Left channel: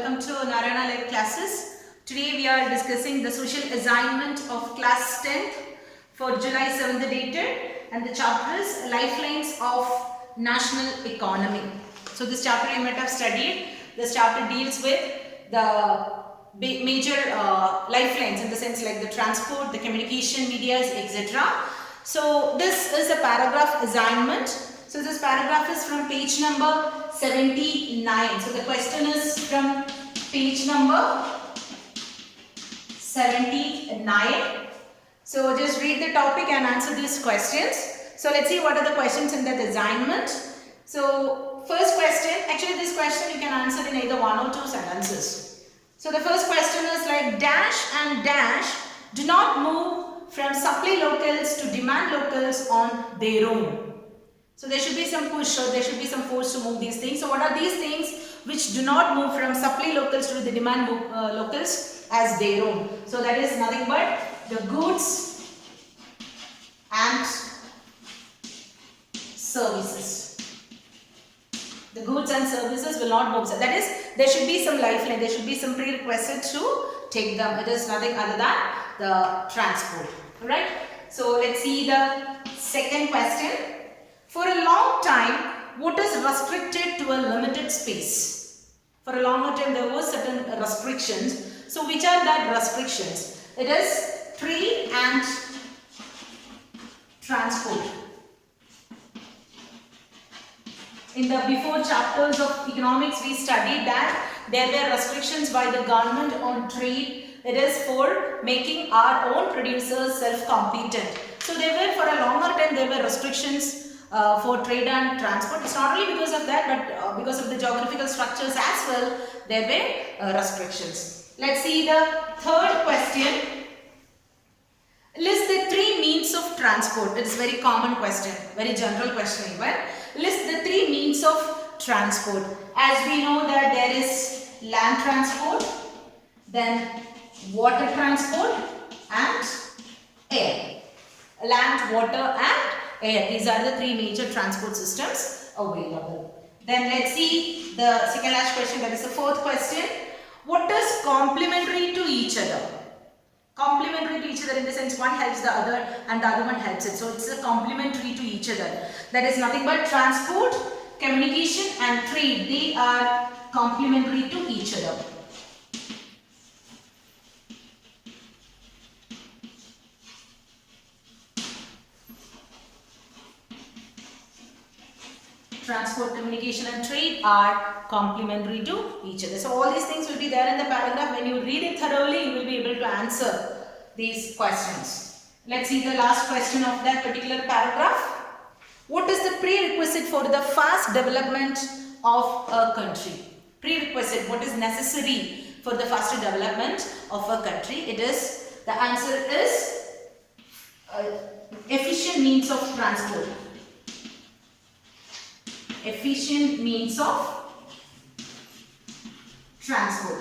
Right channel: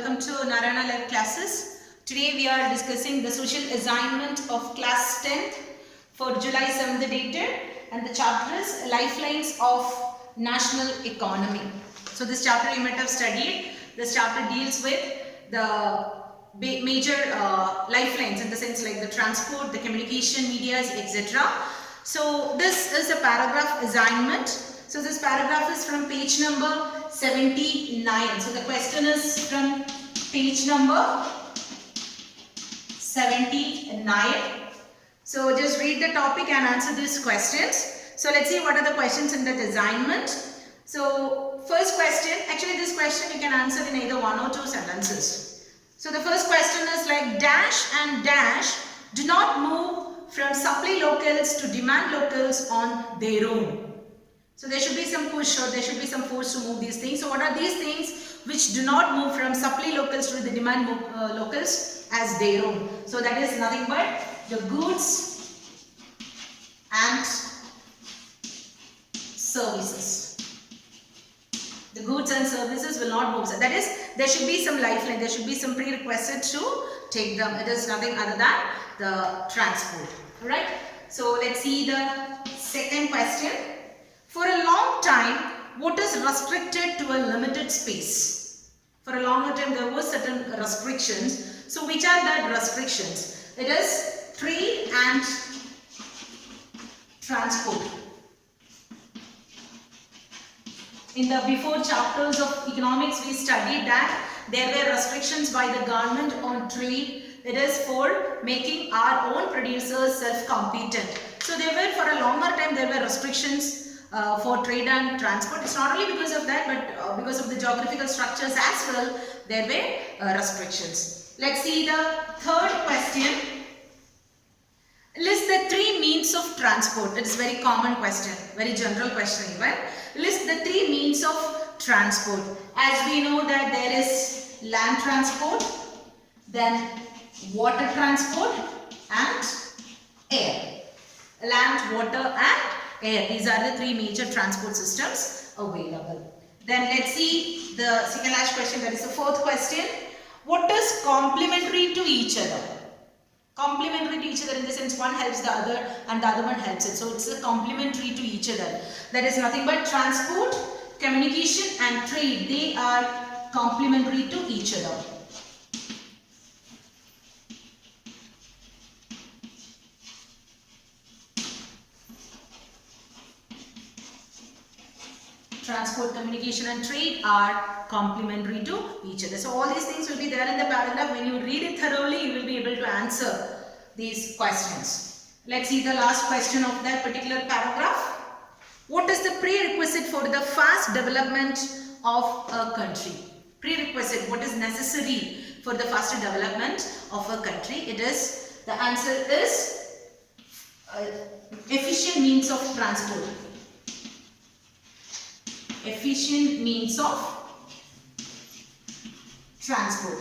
welcome to Narayana Live classes. Today we are discussing the social assignment of class 10th for July 7th dated, and the chapter is Lifelines of National Economy. So this chapter you might have studied. This chapter deals with the major lifelines, in the sense like the transport, the communication medias, etc. So this is a paragraph assignment. So this paragraph is from page number 79. So the question is from page number 79. So just read the topic and answer these questions. So let's see what are the questions in that assignment. So first question, actually this question you can answer in either one or two sentences. So the first question is like dash and dash do not move from supply locals to demand locals on their own. So there should be some push or there should be some force to move these things. So what are these things which do not move from supply locals to the demand locals as their own? So that is nothing but the goods and services. The goods and services will not move. So that is, there should be some lifeline, there should be some prerequisite to take them. It is nothing other than the transport. Alright. So let's see the second question. For a long time, what is restricted to a limited space? For a longer time, there were certain restrictions. So which are that restrictions? It is trade and transport. In the before chapters of economics, we studied that there were restrictions by the government on trade. It is for making our own producers self-competent. So there were, for a longer time, there were restrictions for trade and transport. It's not only because of that, but because of the geographical structures as well, there were restrictions. Let's see the third question. List the three means of transport. It is a very common question, very general question even. List the three means of transport. As we know that there is land transport, then water transport and air. Land, water and air. These are the three major transport systems available. Then let's see the second last question, that is the fourth question. What is complementary to each other? Complementary to each other in the sense one helps the other and the other one helps it. So it's a complementary to each other. That is nothing but transport, communication and trade. They are complementary to each other. Transport, communication and trade are complementary to each other. So all these things will be there in the paragraph. When you read it thoroughly, you will be able to answer these questions. Let's see the last question of that particular paragraph. What is the prerequisite for the fast development of a country? Prerequisite, what is necessary for the faster development of a country? It is, the answer is efficient means of transport. Efficient means of transport.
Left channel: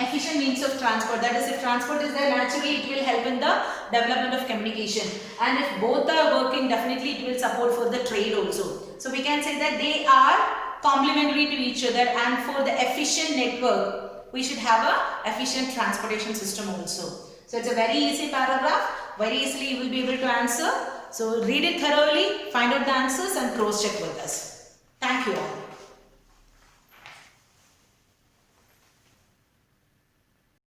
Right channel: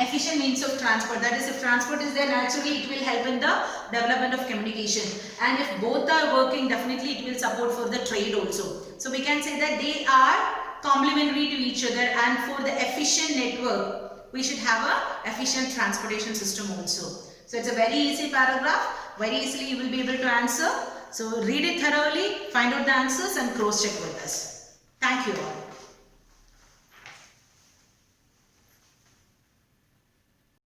Efficient means of transport. That is, if transport is there, naturally it will help in the development of communication. And if both are working, definitely it will support for the trade also. So we can say that they are complementary to each other, and for the efficient network, we should have a efficient transportation system also. So it's a very easy paragraph. Very easily you will be able to answer. So read it thoroughly, find out the answers and cross check with us. Thank you all.